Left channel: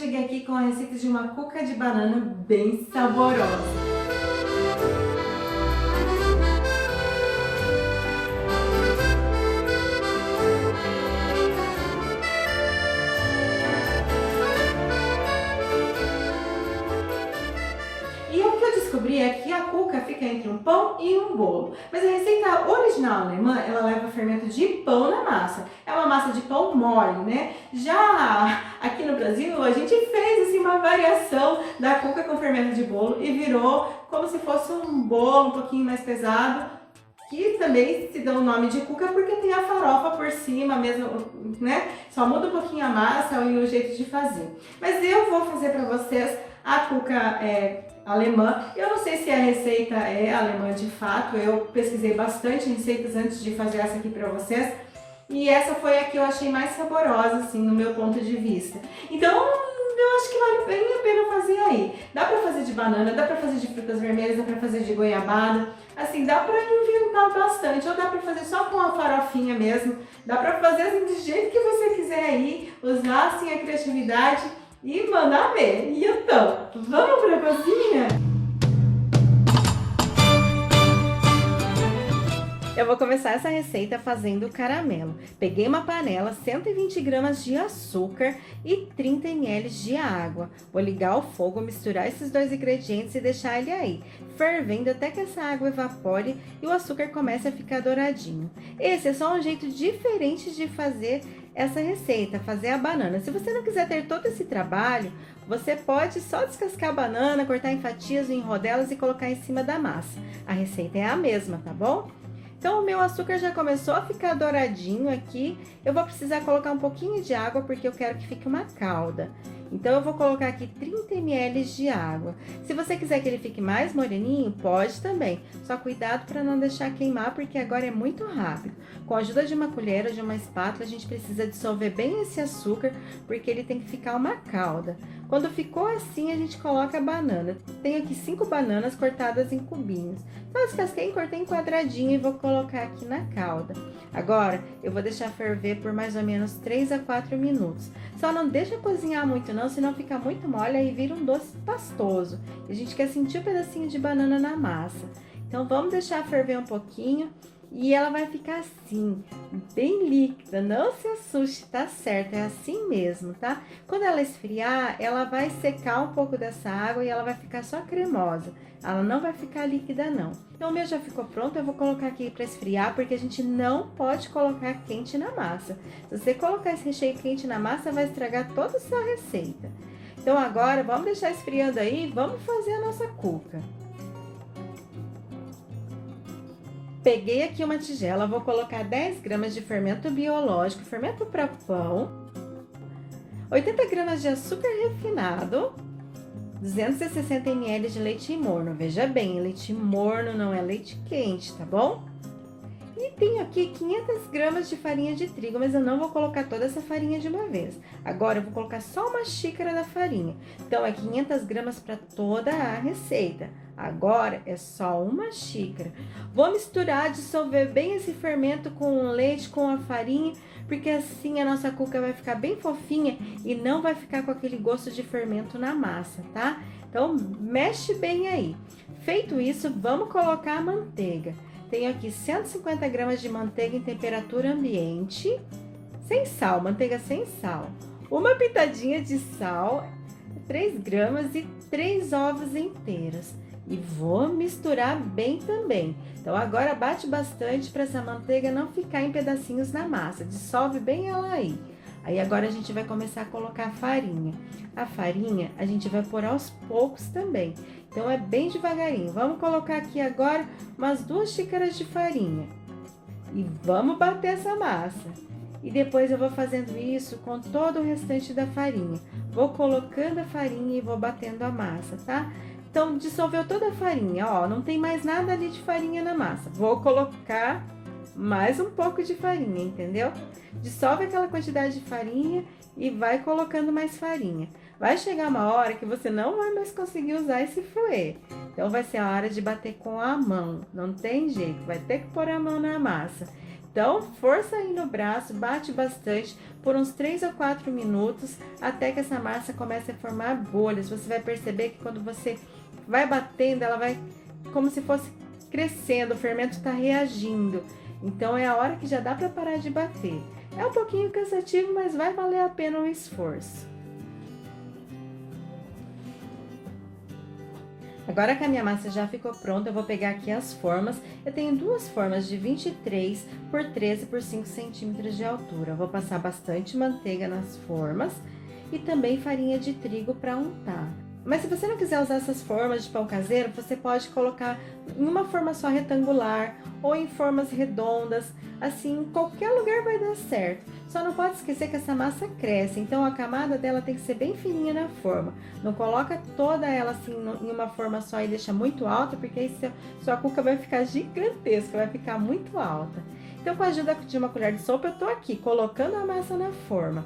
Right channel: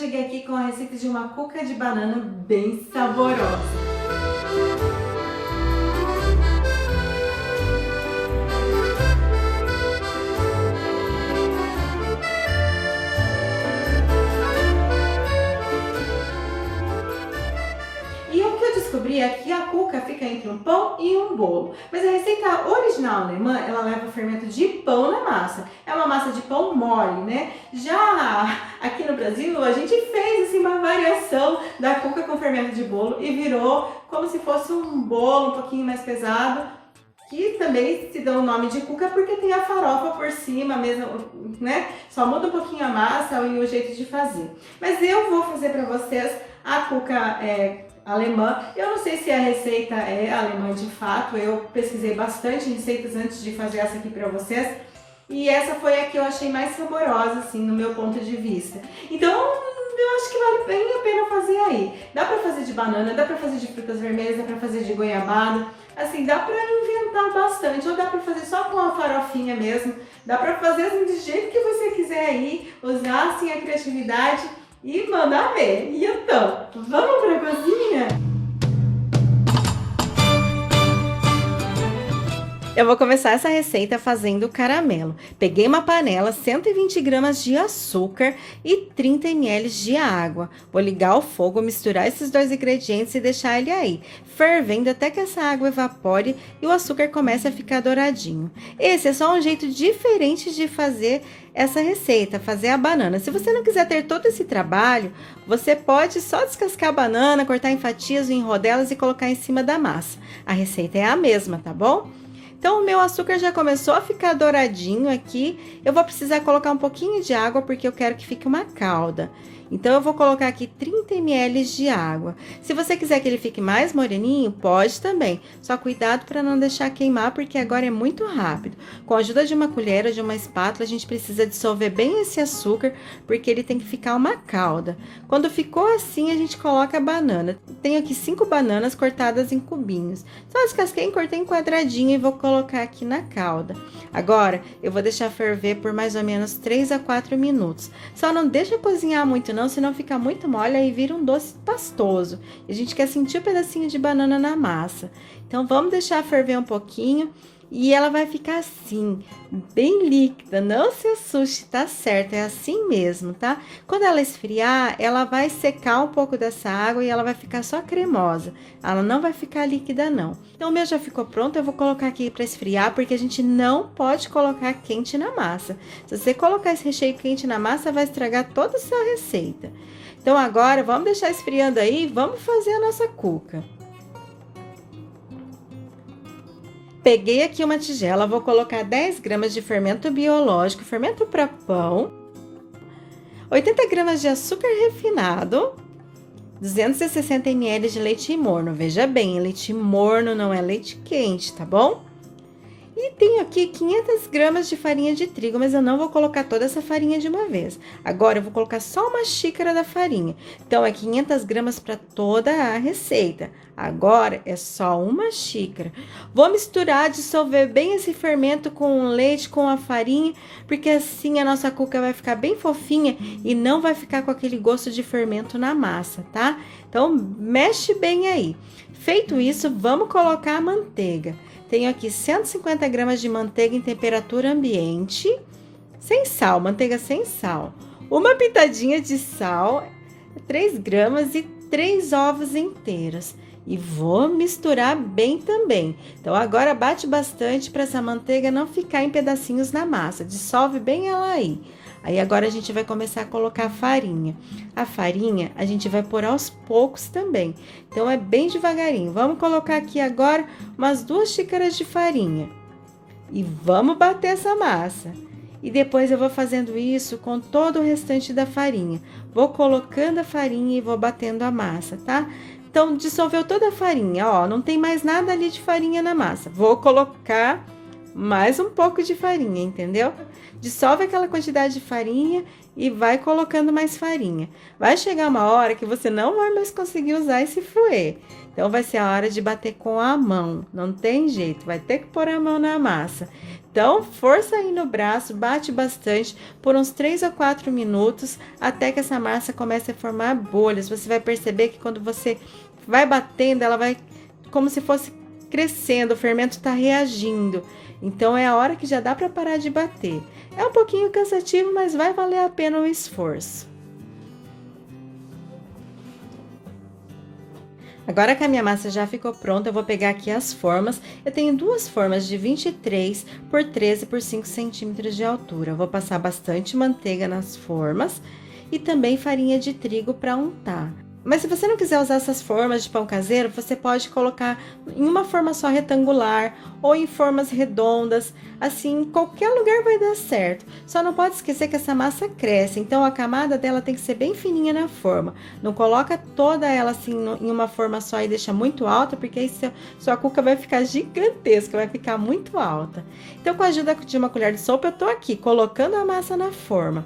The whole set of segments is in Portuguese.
cheguei aqui com a receita de uma cuca de banana bem saborosa. E o que eu descobri é que a cuca fica entre um pão e um bolo. Mas a receita original alemã, ela leva fermento de pão na massa. É uma massa de pão mole, né? Já aqui no Brasil, a gente fez assim, uma variação da cuca com fermento de bolo e virou como se fosse um bolo um pouquinho mais pesado, que também se dá o nome de cuca porque tem a farofa por cima mesmo, né? Só muda um pouquinho a massa e o jeito de fazer. Mas eu vou fazer para vocês a cuca alemã. Eu não sei se a receita é alemã de fato, eu pesquisei bastante receitas antes de fazer essa aqui para vocês. E essa foi a que eu achei mais saborosa, assim, no meu ponto de vista. Então, eu acho que vale bem a pena fazer aí. Dá pra fazer de banana, dá pra fazer de frutas vermelhas, dá pra fazer de goiabada. Assim, dá pra inventar bastante. Ou dá pra fazer só com a farofinha mesmo. Dá pra fazer assim, do jeito que você quiser aí. Usar, assim, a criatividade e mandar ver. E então, vamos pra cozinha? Eu vou começar essa receita fazendo caramelo. Peguei uma panela, 120 gramas de açúcar e 30 ml de água. Vou ligar o fogo, misturar esses dois ingredientes e deixar ele aí, fervendo até que essa água evapore e o açúcar comece a ficar douradinho. Esse é só um jeito diferente de fazer essa receita, fazer a banana. Se você não quiser ter todo esse trabalho, você pode só descascar a banana, cortar em fatias ou em rodelas e colocar em cima da massa. A receita é a mesma, tá bom? Então, o meu açúcar já começou a ficar douradinho aqui. Eu vou precisar colocar um pouquinho de água porque eu quero que fique uma calda. Então, eu vou colocar aqui 30 ml de água. Se você quiser que ele fique mais moreninho, pode também. Só cuidado para não deixar queimar, porque agora é muito rápido. Com a ajuda de uma colher ou de uma espátula, a gente precisa dissolver bem esse açúcar, porque ele tem que ficar uma calda. Quando ficou assim, a gente coloca a banana. Tenho aqui 5 bananas cortadas em cubinhos. Só descasquei e cortei em quadradinho e vou colocar aqui na calda. Agora, eu vou deixar ferver por mais ou menos 3 a 4 minutos. Só não deixa cozinhar muito não, senão fica muito mole e vira um doce pastoso. E a gente quer sentir um pedacinho de banana na massa. Então, vamos deixar ferver um pouquinho e ela vai ficar assim, bem líquida. Não se assuste, tá certo? É assim mesmo, tá? Quando ela esfriar, ela vai secar um pouco dessa água e ela vai ficar só cremosa. Ela não vai ficar líquida, não. Então, o meu já ficou pronto, eu vou colocar aqui para esfriar, porque a gente não pode colocar quente na massa. Se você colocar esse recheio quente na massa, vai estragar toda a sua receita. Então, agora, vamos deixar esfriando aí, vamos fazer a nossa cuca. Peguei aqui uma tigela, vou colocar 10 gramas de fermento biológico, fermento para pão, 80 gramas de açúcar refinado, 260 ml de leite morno. Veja bem, leite morno não é leite quente, tá bom? E tenho aqui 500 gramas de farinha de trigo, mas eu não vou colocar toda essa farinha de uma vez. Agora, eu vou colocar só uma xícara da farinha. Então, é 500 gramas para toda a receita. Agora, é só uma xícara. Vou misturar, dissolver bem esse fermento com o leite, com a farinha, porque assim a nossa cuca vai ficar bem fofinha e não vai ficar com aquele gosto de fermento na massa, tá? Então, mexe bem aí. Feito isso, vamos colocar a manteiga. Tenho aqui 150 gramas de manteiga em temperatura ambiente, sem sal, manteiga sem sal. Uma pitadinha de sal, 3 gramas e 3 ovos inteiros. E vou misturar bem também. Então, agora bate bastante para essa manteiga não ficar em pedacinhos na massa. Dissolve bem ela aí. Aí, agora a gente vai começar a colocar a farinha. A farinha, a gente vai pôr aos poucos também. Então, é bem devagarinho. Vamos colocar aqui agora umas 2 xícaras de farinha. E vamos bater essa massa. E depois eu vou fazendo isso com todo o restante da farinha. Vou colocando a farinha e vou batendo a massa, tá? Então, dissolveu toda a farinha, ó. Não tem mais nada ali de farinha na massa. Vou colocar mais um pouco de farinha, entendeu? Dissolve aquela quantidade de farinha e vai colocando mais farinha. Vai chegar uma hora que você não vai mais conseguir usar esse fouet. Então, vai ser a hora de bater com a mão. Não tem jeito, vai ter que pôr a mão na massa. Então, força aí no braço, bate bastante por uns 3 a 4 minutos, até que essa massa comece a formar bolhas. Você vai perceber que quando você vai batendo, ela vai como se fosse crescendo, o fermento está reagindo. Então, é a hora que já dá para parar de bater. É um pouquinho cansativo, mas vai valer a pena o esforço. Agora que a minha massa já ficou pronta, eu vou pegar aqui as formas. Eu tenho duas formas de 23 por 13 por 5 centímetros de altura. Eu vou passar bastante manteiga nas formas e também farinha de trigo para untar. Mas se você não quiser usar essas formas de pão caseiro, você pode colocar em uma forma só retangular ou em formas redondas, assim, em qualquer lugar vai dar certo. Só não pode esquecer que essa massa cresce, então a camada dela tem que ser bem fininha na forma. Não coloca toda ela assim em uma forma só e deixa muito alta, porque aí sua cuca vai ficar gigantesca, vai ficar muito alta. Então, com a ajuda de uma colher de sopa, eu tô aqui colocando a massa na forma.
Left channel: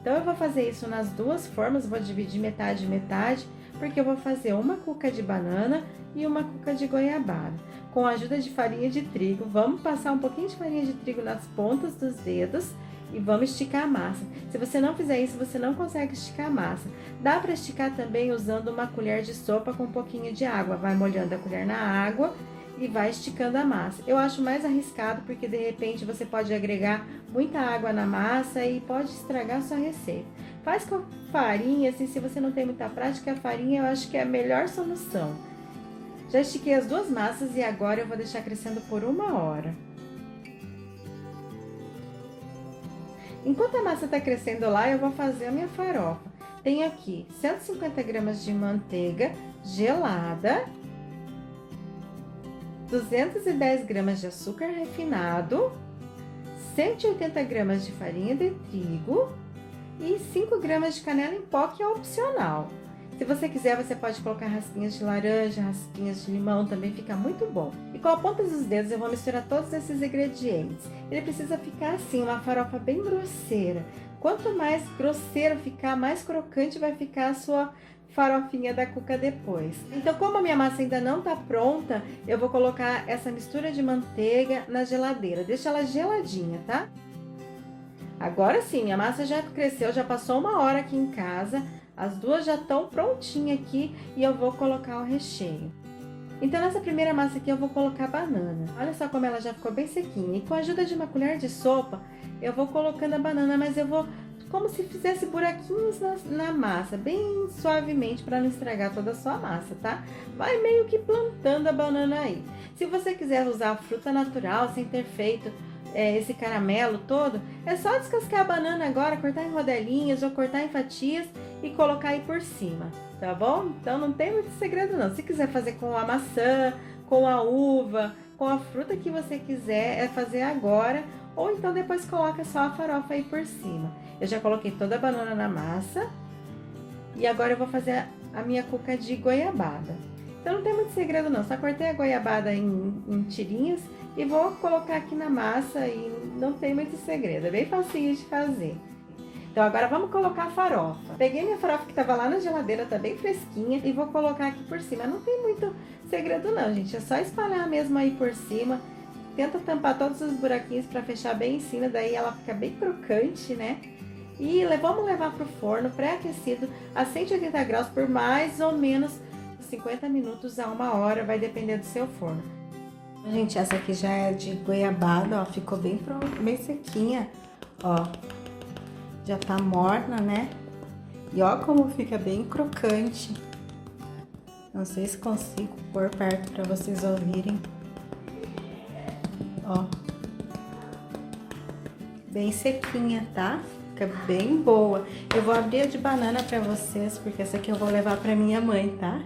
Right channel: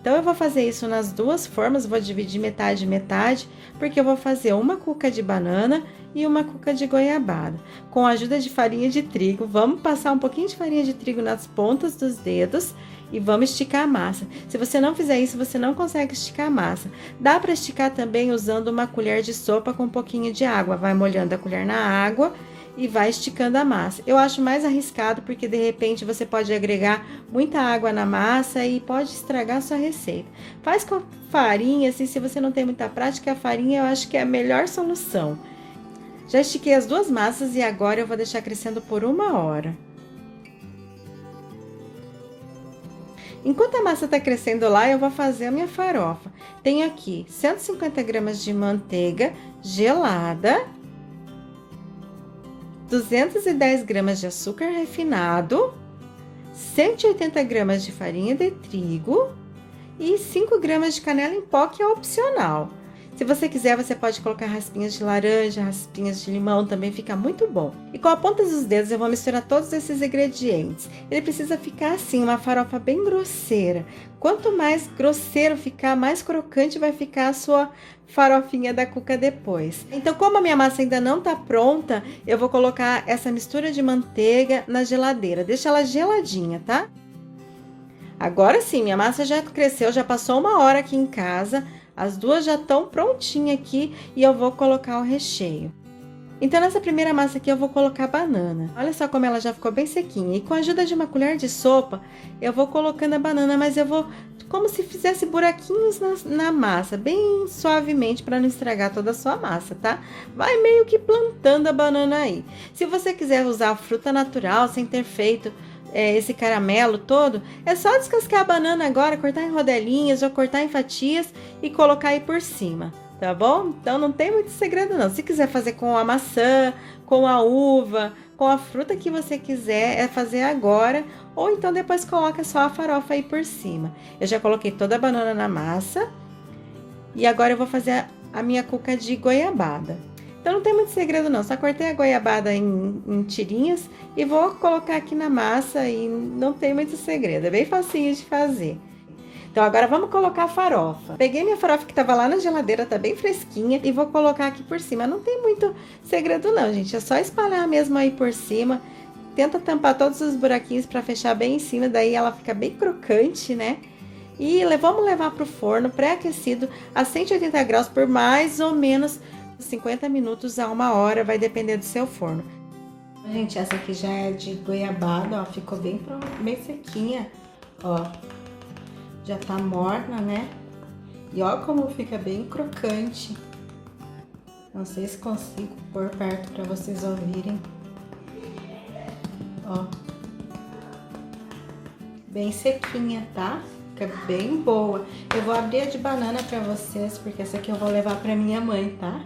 Então, eu vou fazer isso nas duas formas, vou dividir metade e metade, porque eu vou fazer uma cuca de banana e uma cuca de goiabada. Com a ajuda de farinha de trigo, vamos passar um pouquinho de farinha de trigo nas pontas dos dedos e vamos esticar a massa. Se você não fizer isso, você não consegue esticar a massa. Dá para esticar também usando uma colher de sopa com um pouquinho de água. Vai molhando a colher na água e vai esticando a massa. Eu acho mais arriscado porque de repente você pode agregar muita água na massa e pode estragar a sua receita. Faz com farinha, assim, se você não tem muita prática, a farinha eu acho que é a melhor solução. Já estiquei as duas massas e agora eu vou deixar crescendo por 1 hora. Enquanto a massa está crescendo lá, eu vou fazer a minha farofa. Tenho aqui 150 gramas de manteiga gelada, 210 gramas de açúcar refinado, 180 gramas de farinha de trigo e 5 gramas de canela em pó, que é opcional. Se você quiser, você pode colocar raspinhas de laranja, raspinhas de limão, também fica muito bom. E com a ponta dos dedos eu vou misturar todos esses ingredientes. Ele precisa ficar assim, uma farofa bem grosseira. Quanto mais grosseiro ficar, mais crocante vai ficar a sua farofinha da cuca depois. Então, como a minha massa ainda não tá pronta, eu vou colocar essa mistura de manteiga na geladeira. Deixa ela geladinha, tá? Agora sim, minha massa já cresceu, já passou 1 hora aqui em casa. As duas já estão prontinhas aqui e eu vou colocar o recheio. Então, nessa primeira massa aqui, eu vou colocar banana. Olha só como ela já ficou bem sequinha. E com a ajuda de uma colher de sopa, eu vou colocando a banana, mas eu vou como se fizesse buraquinhos na massa, bem suavemente, para não estragar toda a sua massa, tá? Vai meio que plantando a banana aí. Se você quiser usar fruta natural, sem ter feito esse caramelo todo, é só descascar a banana agora, cortar em rodelinhas ou cortar em fatias e colocar aí por cima, tá bom? Então não tem muito segredo não. Se quiser fazer com a maçã, com a uva, com a fruta que você quiser, é fazer agora, ou então depois coloca só a farofa aí por cima. Eu já coloquei toda a banana na massa e agora eu vou fazer a minha cuca de goiabada. Então não tem muito segredo não, só cortei a goiabada em tirinhas e vou colocar aqui na massa e não tem muito segredo, é bem facinho de fazer. Então agora vamos colocar a farofa. Peguei minha farofa que tava lá na geladeira, tá bem fresquinha, e vou colocar aqui por cima. Não tem muito segredo não, gente, é só espalhar mesmo aí por cima. Tenta tampar todos os buraquinhos para fechar bem em cima, daí ela fica bem crocante, né? E vamos levar pro forno pré-aquecido a 180 graus por mais ou menos 50 minutos a 1 hora, vai depender do seu forno. Gente, essa aqui já é de goiabada, ó, ficou bem sequinha, ó. Já tá morna, né? E ó como fica bem crocante. Não sei se consigo pôr perto para vocês ouvirem. Ó. Bem sequinha, tá? Fica bem boa. Eu vou abrir a de banana para vocês, porque essa aqui eu vou levar para minha mãe, tá?